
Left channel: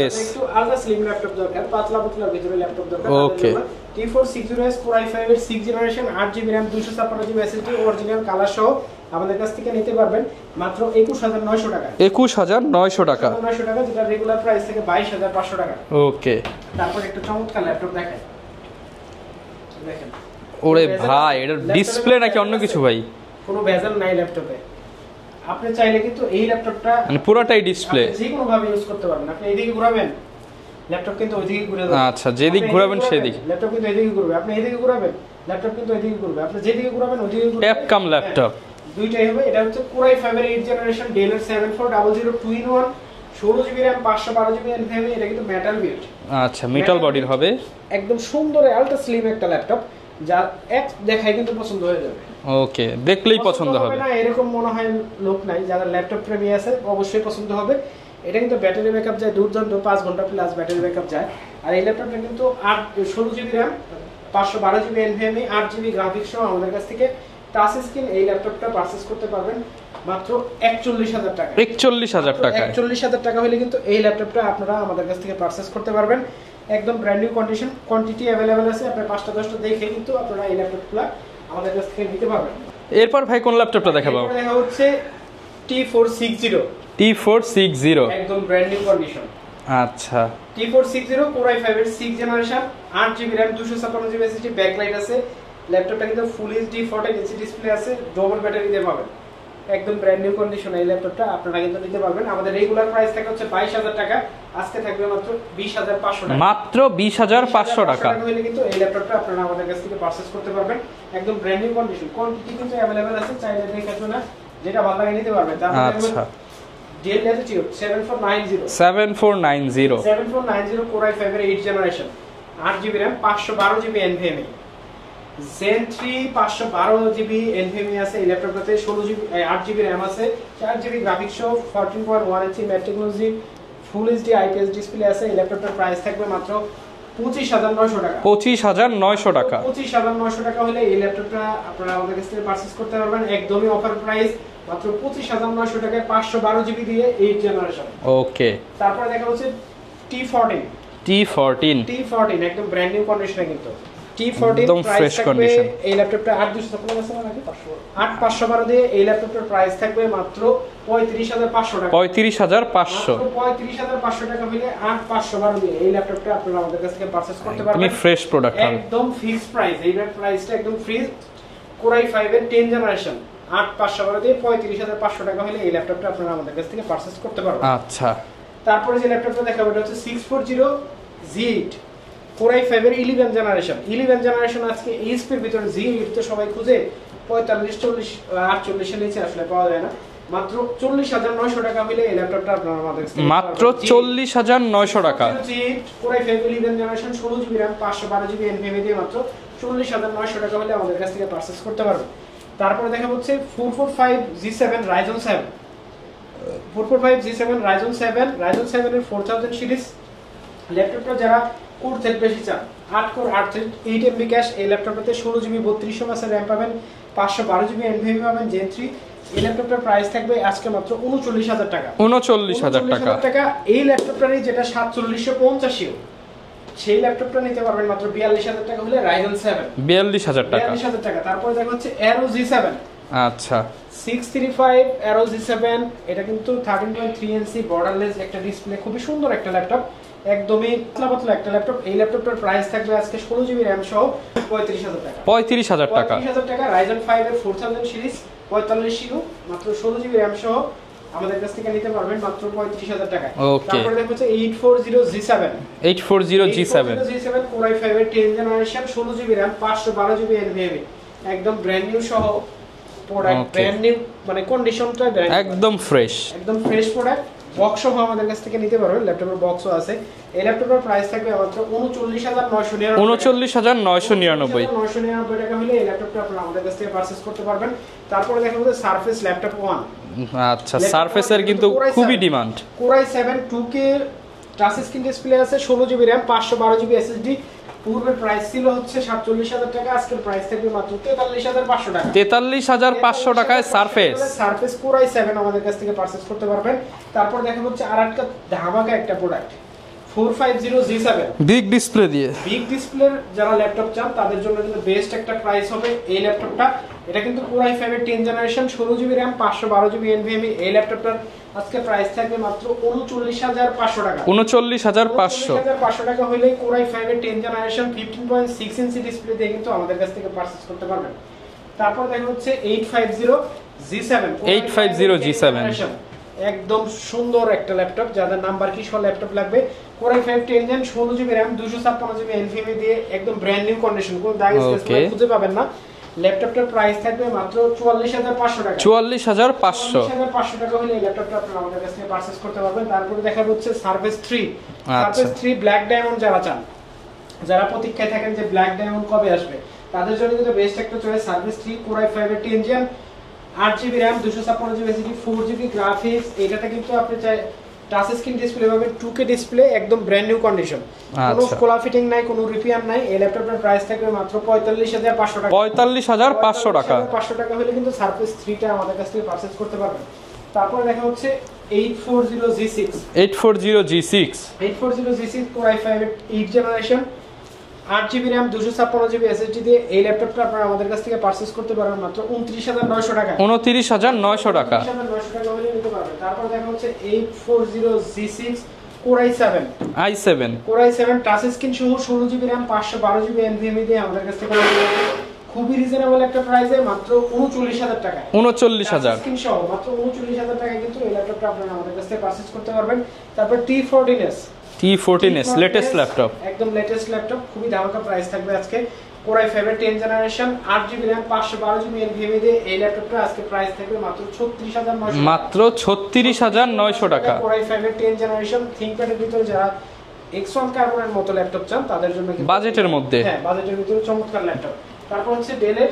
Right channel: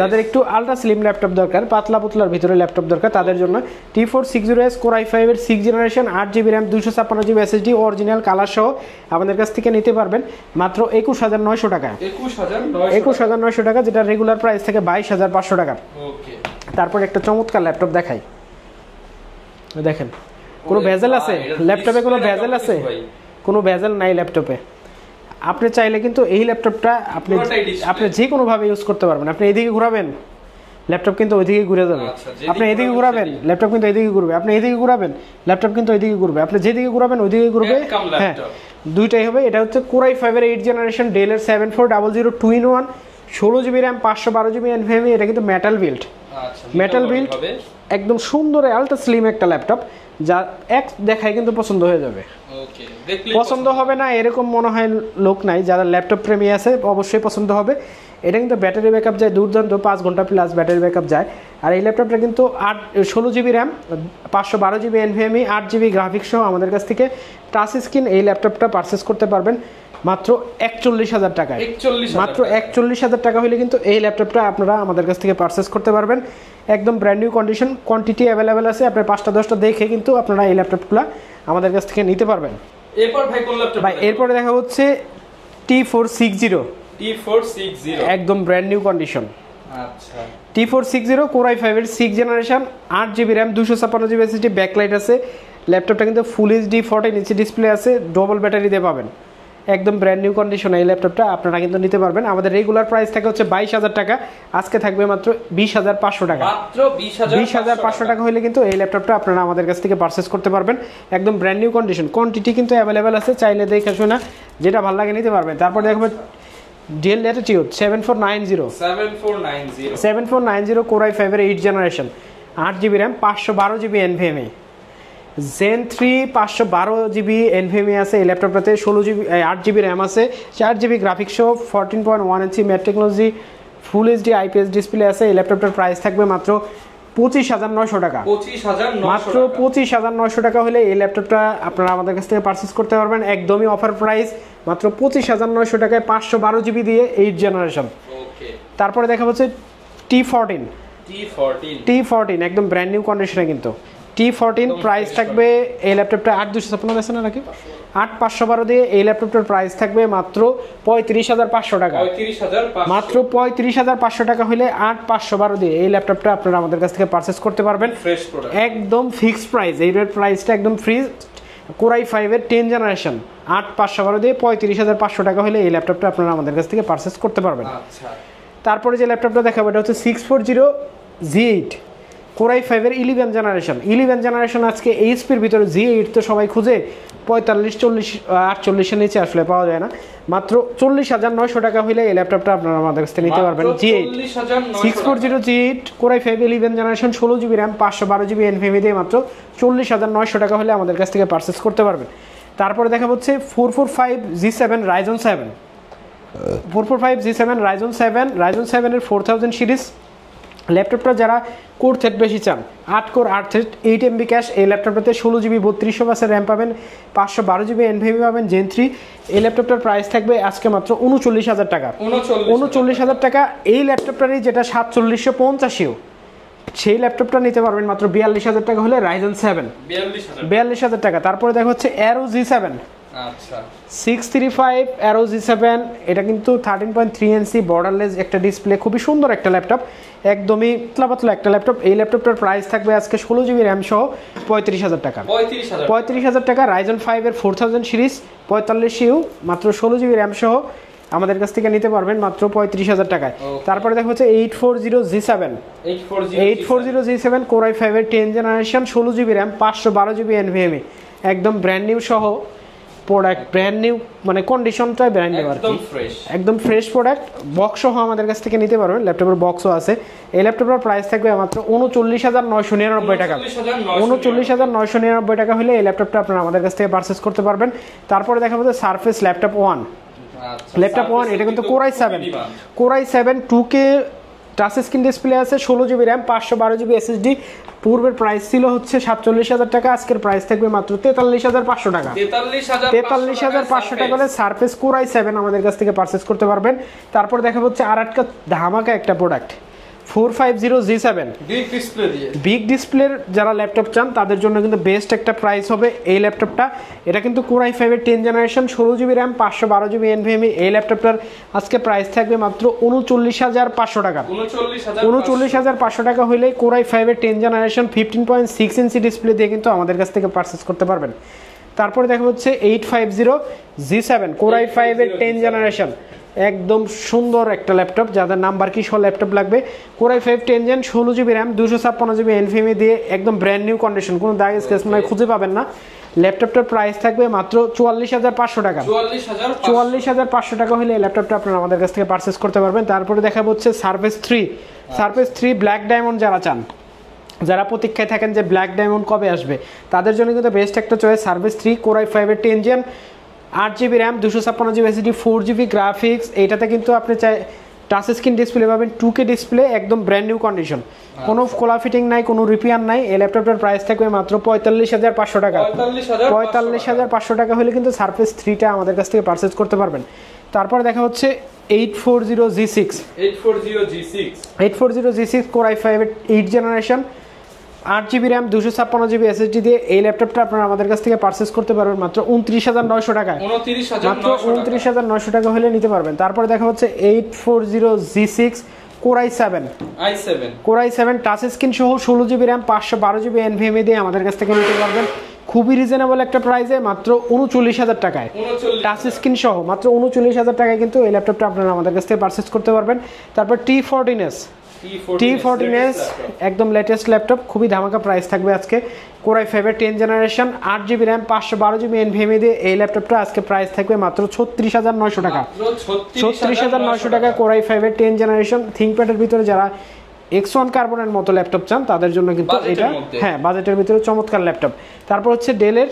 যাদের একটু আলট্রা স্লিম ল্যাপটপ দরকার, পাতলা পুতলার ভিতরে ল্যাপটপ দরকার, তাদের জন্য T460S Core i5 এর 6 generation, 8GB RAM, 256GB SSD, original colour সহ আমাদের কাছ থেকে নিতে পারবেন মাত্র 21900 টাকা। 21900 টাকা, যেটা রেগুলার প্রাইস থেকে 22500 টাকা। ওকে, তারপর একটা চমৎকার ল্যাপটপ দেখাই, দেখেন কোনো বেজেল আছে ল্যাপটপে? কোনো বেজেল নাই ল্যাপটপে। আপনি চাইলে কিন্তু এই ল্যাপটপটা পুরোটাই ডিসপ্লে, আপনি যে কোনো ভাবে ইউজ করতে পারবেন। আপনি এইদিকে ঘোরাবেন, ল্যাপটপ কিন্তু ওইদিকে ঘুরে যাবে। আচ্ছা, যেদিকে ঘোরাবেন সেদিকে ল্যাপটপ কিন্তু এইদিকে ঘুরবে। আপনি এইদিকে ঘোরাবেন, ল্যাপটপ কিন্তু ওইদিকে ঘুরবে। আপনি যেদিকে ঘোরাবেন ওইদিকে ঘুরবে। একদম ল্যাপটপ দুইটাই হবে। এটা হচ্ছে Core i5 এর 8 জেনারেশন, Dell এর 7400 2-in-1, 16GB RAM, 512GB NVMe। এটা কিন্তু মেটাল বিল্ড। আচ্ছা, মেটাল বডির হবে, একদম সুন্দর আলট্রা স্লিম একটা ল্যাপটপ, যা এক দেখাই কিন্তু পছন্দ হয়ে যাবে। ওকে, দেখলেই পছন্দ হবে না এরকম মনে হয় লোক নাই। যারা ল্যাপটপ প্রেমী আছে অবশ্যই পছন্দ হবে। এটা কিন্তু ব্যাটারি ব্যাকআপ যায় দুর্দান্ত, 5 ঘন্টা প্লাস ব্যাটারি ব্যাকআপ যায়। আর এই ল্যাপটপটা কিন্তু 16GB RAM, 512GB NVMe, 8GB graphics সহ আমাদের কাছ থেকে টাচ স্ক্রিন এই ল্যাপটপটা পারচেজ করতে পারবেন মাত্র 41000 টাকা। 41000 টাকা, 41000 টাকা হলে কিন্তু এই ল্যাপটপটা আপনারা আমাদের কাছ থেকে পারচেজ করতে পারবেন। একদম brand new condition, quantity available আছে। আপনারা 5টা 10টা দেখে কিন্তু আপনারা এই ল্যাপটপগুলো আমাদের কাছ থেকে নিতে পারবেন। এরপর ভাই কোন ল্যাপটপটা দেখাবো? এরপর দেখা হচ্ছে T460 একদম ব্র্যান্ড নিউ কন্ডিশন। আচ্ছা, T460 Core i5 এর 6 generation, 8GB RAM, 256GB SSD, backlight আছে। ল্যাপটপটা কিন্তু ফুল এইচডি 14 ইঞ্চি ডিসপ্লে আছে, ডবল ব্যাটারি দিয়ে পাবেন। একদম ব্র্যান্ড নিউ কন্ডিশন এই ল্যাপটপটা আপনারা কিন্তু নিতে পারবেন। আমাদের রেগুলার প্রাইস থাকে হচ্ছে 22000 টাকা, আজকে থাকবে মাত্র 20500 টাকা। মাত্র 20500 টাকা হলে কিন্তু এই ল্যাপটপটা আপনারা আমাদের কাছ থেকে পারচেজ করতে পারবেন। একদম ব্র্যান্ড নিউ কন্ডিশন, কোয়ান্টিটি কিন্তু অ্যাভেলেবেল আছে, চাইলে দেখে শুনে যেটা ভালো লাগে নিতে পারবেন। তারপর দেখবেন Dell Latitude 7490 Core i5 এর 8 generation, 8GB RAM, 512GB NVMe, Zen 3 512GB NVMe আছে এই ল্যাপটপটাতে। 8GB RAM আছে, 4GB গ্রাফিক্স সহ, 14.1 ইঞ্চি ম্যাট টেকনোলজি, ফুল এইচডি IPS ডিসপ্লে আছে। এই ল্যাপটপটার প্রাইস থাকবে মাত্র 25900 টাকা। 25900 টাকা হলে এই ল্যাপটপটা আপনারা আমাদের কাছ থেকে পারচেজ করতে পারবেন। একদমই অফার প্রাইস, মাত্র 25900 টাকায় 512GB দিয়ে 8 জেনারেশন। ওকে, তারপরে দেখা হচ্ছে T14 একদম ব্র্যান্ড নিউ কন্ডিশনে কিন্তু। T14 প্রাইস থাকবে এই ল্যাপটপটা 8256 আছে না নাকি 8512 দিয়ে এই ল্যাপটপটার প্রাইস থাকবে মাত্র 35500 টাকা। 35500, মাত্র 35500 টাকা হলে 8512 দিয়ে এই ল্যাপটপটা আপনারা আমাদের কাছ থেকে পারচেজ করতে পারবেন। ফ্রেশ প্রোডাক্ট, একদম ফিক্সড প্রাইস। এই প্রাইসটা একদম ফ্রি। Core i5 এর 10 জেনারেশন, 8512 দিয়ে 35500 টাকা হলে এই ল্যাপটপটা আপনারা আমাদের কাছ থেকে পারচেজ করতে পারবেন। আচ্ছা, তারপরে যে ল্যাপটপটা দেখাবো এটা হচ্ছে 640Z8 Core i5 এর 11 জেনারেশন। আজকে HP এর ভিতরে Z8 তো সবাই খুঁজে, 45 40 48 এর নিচে আসলে পাওয়া যায় না। মাত্র 40900 টাকা হলে এই ল্যাপটপটা আপনারা আমাদের কাছ থেকে নিতে পারবেন। মাত্র 40900 টাকা। 640Z8 Core i5 11 generation, 16GB RAM, 512GB NVMe দিয়ে মাত্র 40900 টাকা হলে আমাদের কাছ থেকে পারচেজ করতে পারবেন। তারপরে দেখা হচ্ছে 445Z7 Ryzen 7 Ryzen 7 এর 4000 সিরিজ ল্যাপটপটা যারা কোর থ্রেড বেশি চান, 8 কোর 8 থ্রেড 8MB ক্যাশ, এই ল্যাপটপটাতে 16GB 3200 RAM পাবেন, 512GB NVMe পাবেন, Zen 3। এই ল্যাপটপটার প্রাইস থাকবে আজকে মাত্র 39000 টাকা। 39000 টাকা। এই ল্যাপটপটারই যেটা 4750 সেই ল্যাপটপটা নিতে পারবেন মাত্র 42000 টাকা হলে Ryzen 7 42000 টাকা। তারপরে দেখা হচ্ছে Aero G7। আচ্ছা, 635 Aero G7 এটা কিন্তু 13.3 ইঞ্চি বর্ডারলেস একটা ডিসপ্লে, খুবই সুন্দর একটা ল্যাপটপ, একদমই পাতলা একটা ল্যাপটপ। এই ল্যাপটপটার প্রাইস থাকবে আজকে 16GB RAM সহ 35000 টাকা। 35000 টাকা। Ryzen 5 এর 4000 সিরিজ 45U, মাত্র 16GB RAM সহ আমাদের কাছ থেকে নিতে পারবেন মাত্র 35000 টাকায়। তারপরে দেখা হচ্ছে 840G7 Core i5 এর 10 generation, 16GB RAM, 512GB NVMe, একদম ব্র্যান্ড নিউ সহ প্রোডাক্ট। ব্র্যান্ড নিউ মানে কন্ডিশনটা ব্র্যান্ড নিউ, একদম ফ্রেশ প্রোডাক্ট। বক্স সহ আমাদের কাছ থেকে নিতে পারবেন, ল্যাপটপের বক্সও আছে। এই ল্যাপটপের প্রাইস থাকবে মাত্র 39999 টাকা হলে এই ল্যাপটপটা আপনারা আমাদের কাছ থেকে পারচেজ করতে পারবেন। তারপরে দেখা যাচ্ছে Surface Laptop 1। আচ্ছা, Surface এর কিন্তু খুবই demand. Core i7 2K touch screen display আছে, 16GB RAM, 512GB SSD। পূর্বের প্রাইস ছিল হচ্ছে 47000 টাকা, আজকের প্রাইস থাকবে মাত্র 43500 টাকা। 43500 টাকায় Surface Core i7 আমাদের কাছ থেকে পারচেজ করতে পারবেন। তারপর দেখা হচ্ছে আরেকটা ধামাকা একটা প্রোডাক্ট 450G7 বিগ ডিসপ্লের যারা ল্যাপটপ চান তাদের জন্য কিন্তু বেস্ট একটা প্রাইস হবে এই ল্যাপটপটা। এটা কিন্তু Core i5 এর 10 generation, 16GB RAM, 512GB NVMe। এই ল্যাপটপটার আজকে প্রাইস থাকবে মাত্র 39500 টাকা। 39500 টাকা হলেই Core i5 এর 10 জেনারেশন 15.6 ইঞ্চি ডিসপ্লে দিয়ে কিন্তু আমাদের কাছ থেকে পারচেজ করতে পারবেন। তারপরে দেখা হচ্ছে 850G7 Core i5 এর 10 জেনারেশন, একদম সুন্দর একটা ল্যাপটপ। যাদের নাম্বার কি সহ ল্যাপটপ লাগবে, Core i5 10 gen, 16GB RAM, 256GB NVMe দিয়ে একদম ব্র্যান্ড নিউ কন্ডিশন, কোনো দাগ স্ক্র্যাচ নাই, খুঁজে পাবেন না। ল্যাপটপটার প্রাইস থাকবে মাত্র 44500 টাকা। 44500 টাকা হলে এই ল্যাপটপটা আপনারা আমাদের কাছ থেকে পারচেজ করতে পারবেন। তারপরে দেখাবো হচ্ছে Surface 3 ব্ল্যাক ডায়মন্ড যারা চান, যারা প্রতীক্ষায় থাকেন যে ব্ল্যাক ডায়মন্ড কবে আসবে, তাদের জন্য কিন্তু বেস্ট একটা চয়েস Surface 3 Core i5 এর 10 gen, 8GB RAM, 256GB SSD, 4GB graphics. এইটাতে কিন্তু আপনি টাচ স্ক্রিন ডিসপ্লে পাবেন, 2K ডিসপ্লে, একদম ব্র্যান্ড নিউ কন্ডিশন, কোনো কোলা ফিটিং নাই, কোনো রিপেয়ার নাই। এই ল্যাপটপের প্রাইস থাকবে মাত্র 45500 টাকা। 45500 টাকা হলে কিন্তু সারফেস 3টা আমাদের কাছ থেকে পারচেজ করতে পারবেন। তারপর দেখা হচ্ছে 840G6 Core i5 8 generation, 8GB RAM 256GB SSD দিয়ে এই ল্যাপটপটা আপনারা আমাদের কাছ থেকে পারচেজ করতে পারবেন মাত্র 29900 টাকা। 29900 টাকা হলে নিতে পারবেন। তারপরে দেখা হচ্ছে 840G6 Core i7 touch screen সহ 16GB RAM 512GB NVMe দিয়ে আমাদের কাছ থেকে নিতে পারবেন খুবই রিজনেবল একটা প্রাইসে মাত্র 39000 টাকায়। 39000 টাচ স্ক্রিন সহ মাত্র 39000 টাকায় কিন্তু এই ল্যাপটপটা আপনারা আমাদের কাছ থেকে পারচেজ করতে পারবেন। তারপর T14s লেটেস্ট ল্যাপটপ, একদম লেটেস্ট ল্যাপটপ, খুবই ধামাকা প্রাইস থাকবে আজকে। Core i5 10 generation, 8GB RAM 512GB NVMe দিয়ে এই ল্যাপটপটা আজকে প্রাইস থাকবে মাত্র 36900 টাকা। মাত্র 36900 টাকা। Core i5 10 জেনারেশন ThinkPad এর ভিতরে যারা X1 কার্বনের মতো ল্যাপটপ চান তাদের জন্য কিন্তু বাজেটের মধ্যে, হ্যাঁ বাজেটের ভিতরে চমৎকার ল্যাপটপ। তারপর হচ্ছে Dell এর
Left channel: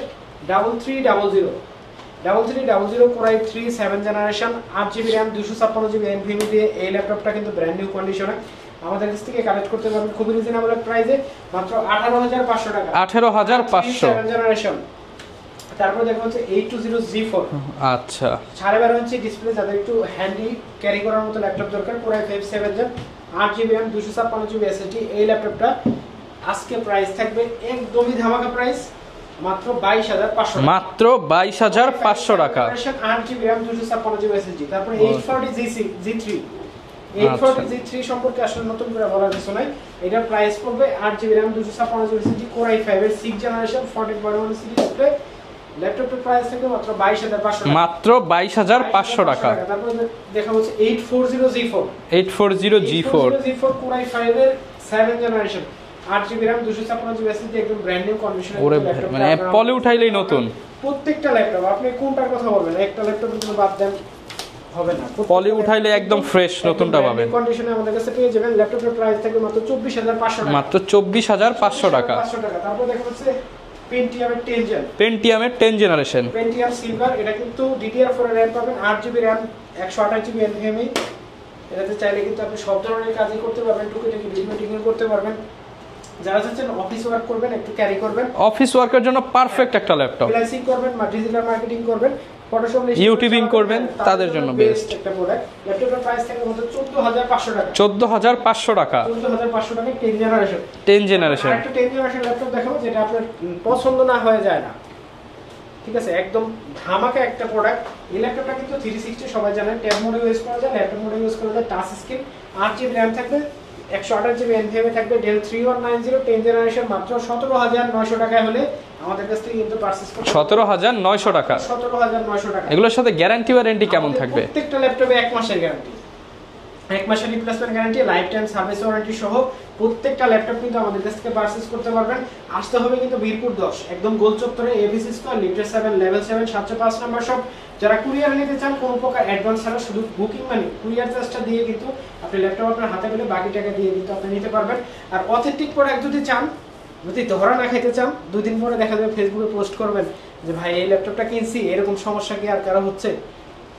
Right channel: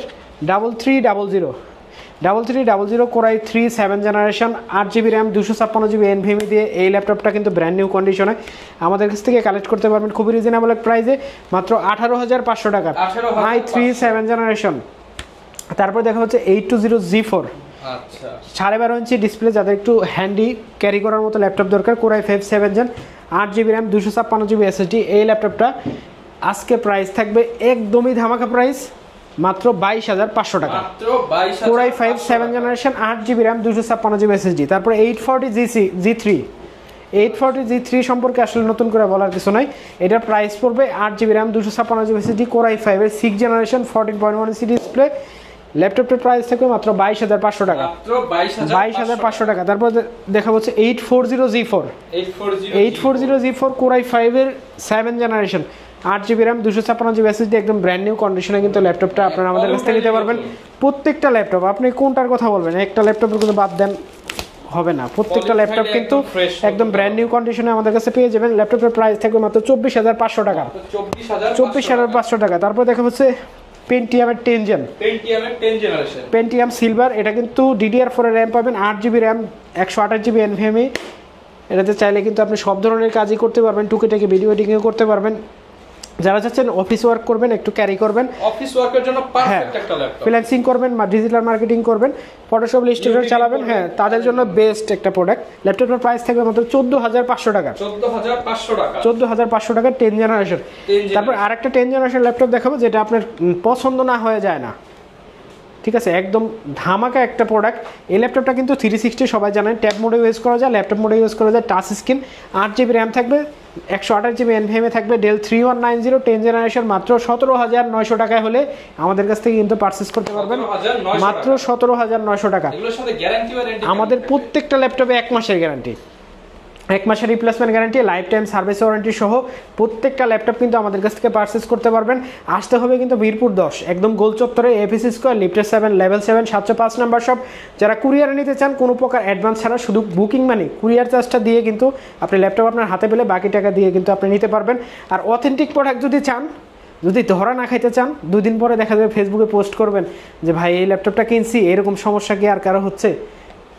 3300 Core i3 7 generation, 8GB RAM 256GB NVMe দিয়ে এই ল্যাপটপটা কিন্তু ব্র্যান্ড নিউ কন্ডিশনে আমাদের কাছ থেকে কালেক্ট করতে পারবেন খুবই রিজনেবল প্রাইসে মাত্র 18500 টাকা। 18500 7 জেনারেশন। তারপর দেখা হচ্ছে 820G4, আচ্ছা 12.5 ইঞ্চি ডিসপ্লে, যাদের একটু হ্যান্ডি ক্যারি করার মতো ল্যাপটপ দরকার, Core i5 7 gen, 8GB RAM 256GB SSD। এই ল্যাপটপটা আজকে প্রাইস থাকবে একদমই ধামাকা প্রাইস মাত্র 22500 টাকা। মাত্র 22500 টাকা। 8GB RAM 256GB SSD। তারপর 840G3 সম্পর্কে আসলে নতুন করে বলার কিছু নাই, এটার প্রাইস পড়বে 8GB RAM 256GB SSD, Core i5 এর 6 জেনারেশন, 14.1 ইঞ্চি ডিসপ্লে। ল্যাপটপের প্রাইস থাকবে মাত্র 22500 টাকা। মাত্র 22500 টাকা। তারপর দেখা হচ্ছে 840G4 Core i5 এর 7 generation, 8GB RAM 256GB SSD, একদম ব্র্যান্ড নিউ কন্ডিশনে কিন্তু ল্যাপটপটা আপনারা আমাদের কাছ থেকে নিতে পারবেন। প্রত্যেকটা ল্যাপটপ আপনি কোনটার কথা বলবেন, একটা ল্যাপটপের কথা বাদ দেন হবে না, প্রত্যেকটা ল্যাপটপ একদম ফ্রেশ একদম ব্র্যান্ড নিউ কন্ডিশনে আমাদের কাছে পেয়ে যাবেন। ল্যাপটপের প্রাইস থাকবে মাত্র 24500 টাকা। মাত্র 24500 টাকা। তারপর দেখা হচ্ছে Pentium এর 10 জেনারেশন, Pentium সিলভার, এটা কিন্তু DDR4 এর RAM পাবেন, 8GB RAM 128GB NVMe। এটাতে চাইলে কিন্তু আপনি সব ধরনের কাজই করতে পারবেন, টুকিটাকি ভিডিও এডিটিং করতে পারবেন। যারা চাচ্ছেন অফিস ওয়ার্ক করবেন, একটু ক্যারি করবেন, অফিস ওয়ার্কের জন্য পারফেক্ট একটা ল্যাপটপ, ফ্রিল্যান্সিং করবেন, ডিজিটাল মার্কেটিং করবেন, ফটোশপ ইলাস্ট্রেটর করবেন, তাদের জন্য বেস্ট একটা প্রোডাক্ট। ল্যাপটপের প্রাইস থাকবে মাত্র 14500 টাকা। 14500 টাকা 10 জেনারেশন। আরেকটা 10 জেনারেশন ল্যাপটপ দেখাবো যেটা আপনার পছন্দ না হয়ে যায় না, ঠিক আছে, একদম ধামাকা একটা প্রোডাক্ট। এই ল্যাপটপটা কিন্তু 360 সবাই জানেন, ট্যাব মোডে ইউজ করা যায়, ল্যাপটপ মোডে ইউজ করা যায়, টাচ স্ক্রিন, 8GB RAM থাকবে, 128GB NVMe থাকবে, Dell 3190 10 জেনারেশন, মাত্র 17900 টাকায় হলে আমাদের কাছ থেকে কিন্তু পারচেজ করতে পারবেন। 17900 টাকা। 17900 টাকা। এগুলোর সাথে গ্যারান্টি ওয়ারেন্টি কেমন থাকবে? আমাদের প্রত্যেকটা ল্যাপটপে 1 মাসের গ্যারান্টি, 1 মাসের replacement guarantee, life time service warranty সহ প্রত্যেকটা ল্যাপটপ কিন্তু আমাদের কাছ থেকে পারচেজ করতে পারবেন। আসতে হবে কিন্তু মিরপুর 10 একদম গোল চত্বরে, এফএসি স্কয়ার, লিফটের 7 লেভেল 7 705 নাম্বার শপ। যারা কুরিয়ারে নিতে চান কোনো প্রকার অ্যাডভান্স ছাড়া, শুধু বুকিং মানি কুরিয়ার চার্জটা দিয়ে কিন্তু আপনি ল্যাপটপ আপনার হাতে পেলে বাকি টাকা দিয়ে কিন্তু আপনি নিতে পারবেন। আর অথেন্টিক প্রোডাক্ট যদি চান, যদি ধরা না খাইতে চান, 2 দিন পরে দেখা যাবে ফেসবুকে পোস্ট করবেন যে ভাই এই ল্যাপটপটা কিনছি, এরকম সমস্যা কি আর কারো হচ্ছে,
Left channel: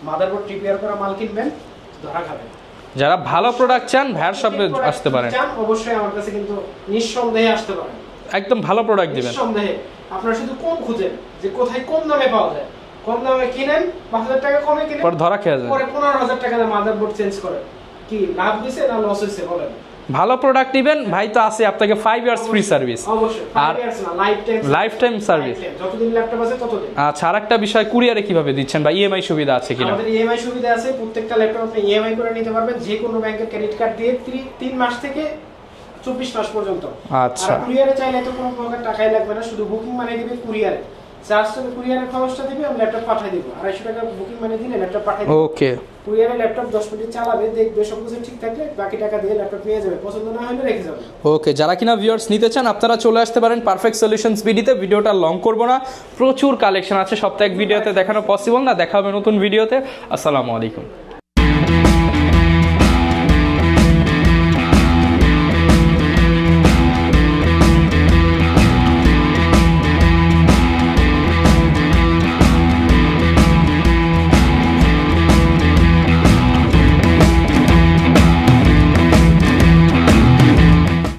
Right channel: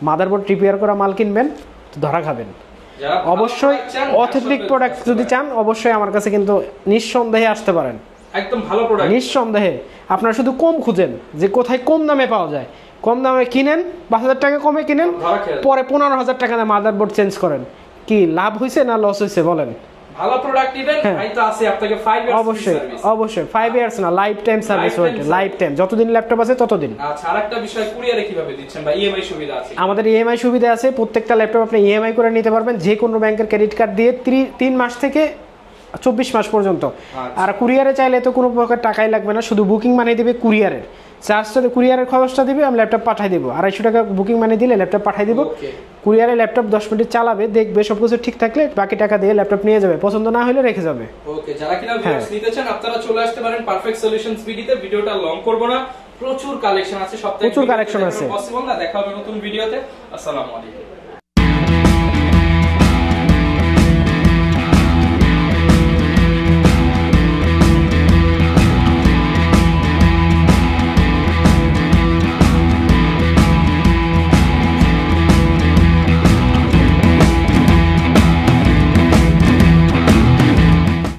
মাদারবোর্ড রিপেয়ার করা মাল কিনবেন তো ধরা খাবেন। যারা ভালো প্রোডাক্ট চান, অথেন্টিক প্রোডাক্ট যদি চান, অবশ্যই আমার কাছে কিন্তু নিঃসন্দেহে আসতে পারেন। একদম ভালো প্রোডাক্ট নিঃসন্দেহে। আপনারা শুধু কম খুঁজেন যে কোথায় কম দামে পাওয়া যায়, কম দামে কিনেন, 5000 টাকা কমে কিনেন, পরে 15000 টাকা দিয়ে মাদারবোর্ড চেঞ্জ করেন, কি লাভ হইছে না লস হইছে বলেন? ভালো প্রোডাক্ট নেবেন ভাই তো আছে আপনাকে 5 ইয়ার্স ফ্রি সার্ভিস। অবশ্যই 5 ইয়ার্স না, life time service, life time, যতদিন ল্যাপটপ আছে ততদিন। আচ্ছা, আরেকটা বিষয়, কুরিয়ারে কিভাবে দিচ্ছেন বা ইএমআই সুবিধা আছে কিনা? আমাদের ইএমআই সুবিধা আছে, প্রত্যেকটা ল্যাপটপ আপনি ইএমআই করে নিতে পারবেন, যে কোনো ব্যাংকের ক্রেডিট কার্ড দিয়ে 3 মাস থেকে 24 মাস পর্যন্ত। আর কুরিয়ারে চাইলে তো কোনো প্রকার টাকাই লাগবে না, শুধু বুকিং মানি দিবে কুরিয়ারে, চার্জ তো কুরিয়ারের খরচটা দিবে, আমি ল্যাপটপ পাঠিয়ে দেবো, 250 টাকা বুকিং মানি দিলে ল্যাপটপ পাঠিয়ে দেবো। কুরিয়ারে ল্যাপটপ 10 মিনিট চালাবে, দেখবে সবকিছু ঠিক থাকলে বাকি টাকা দিয়ে ল্যাপটপ নিয়ে যাবে, পছন্দ না হলে রেখে যাবে। ওকে, যারা কিনা ভিউয়ার্স নিতে চান আপনারা চলে আসতে পারেন পারফেক্ট সলিউশনস বিডিতে। ভিডিওটা লং করব না, প্রচুর কালেকশন আছে, সপ্তাহে ভিডিওতে দেখানো পসিবল না, দেখা হবে নতুন ভিডিওতে। আসসালামু আলাইকুম।